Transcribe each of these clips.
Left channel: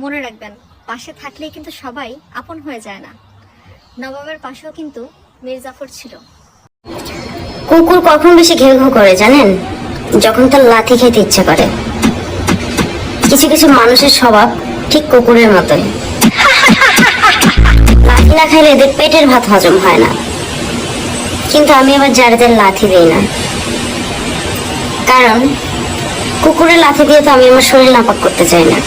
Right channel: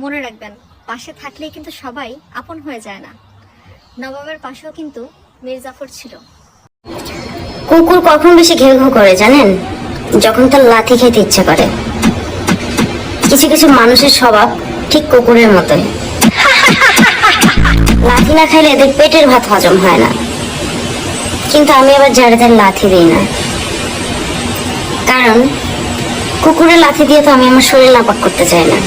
মনে রাখবেন, পাশে থাকলেই কিন্তু সবাই আপন হয়ে যায় না। নবাবের পাশেও কিন্তু মীর জাফর ছিল। কুকুর কখন বেশি ঘেউ ঘেউ করে জানেন? যখন তার লাথি খেতে ইচ্ছে করে। কিছু কিছু মানুষের স্বভাব ঠিক কুকুরের মতোই। লাথি না খাইলে এদের পেটের ভাত হজম হয় না। কিন্তু আমি আবার যারে তার লাথি দেই না, কারণ কুকুরের লাথি দিয়ে তো আমি আমার শরীর নাপাক করতে চাই না।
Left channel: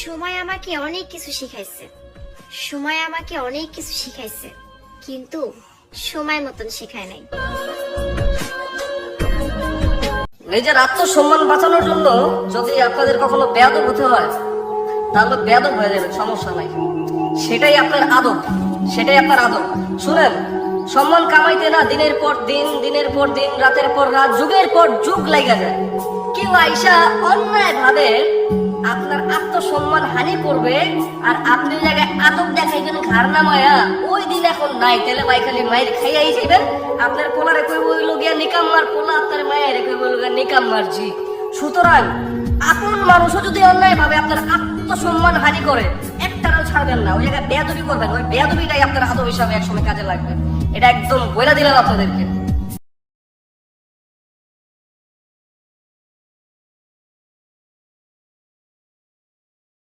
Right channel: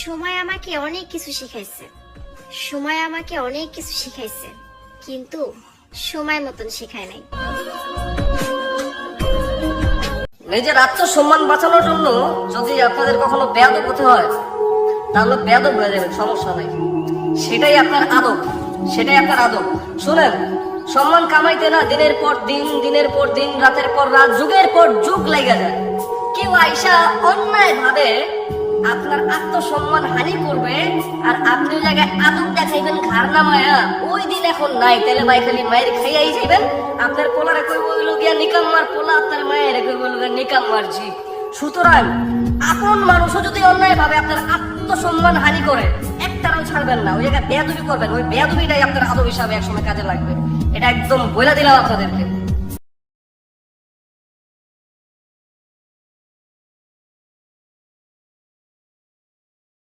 সময় আমাকে অনেক কিছু শিখাইছে, সময় আমাকে অনেক কিছু শিখাইছে, কিন্তু সময় মতন শিখায় নাই। নিজের আত্মসম্মান বাঁচানোর জন্য যদি আপনাদের কখনো বেয়াদব হতে হয়, তাহলে বেয়াদব হয়ে যাবে, সমস্যা নাই। সেটাই আপনার আদব, সেটাই আপনার আদব। শোনেন, সম্মান কামাইতে না দিনের পর দিন, দিনের পর দিন, রাতের পর রাত, যুগের পর যুগ লাগা যায়। কেউ আইসা অন্যায় ভাবে আপনার আত্মসম্মান হানি করবে, আর আপনি জায়গায় আদব দেখাইবেন ঘাড় নামায়া, ওই দিন এখন নাই। তাহলে ভাই খালি মায়ের খাইয়াই যাইবেন। আপনার পোলারে কই বইল গিয়া নিকাম্মার পোলা, আপনার মায়ের কই বইল গিয়া নিকাম্মার জি। সুতরাং আপন মানুষও যদি অন্যায় ভাবে আপনার আত্মসম্মান হানি করে, একটারও ছাড়বেন না। ওই জায়গায় বেয়াদবি করবেন, ওই বেয়াদবিটাই আপনার আদব হিসাবে একসময় কাজে লাগবে। এটা একদম বইলা দিলাম আপনাদেরকে।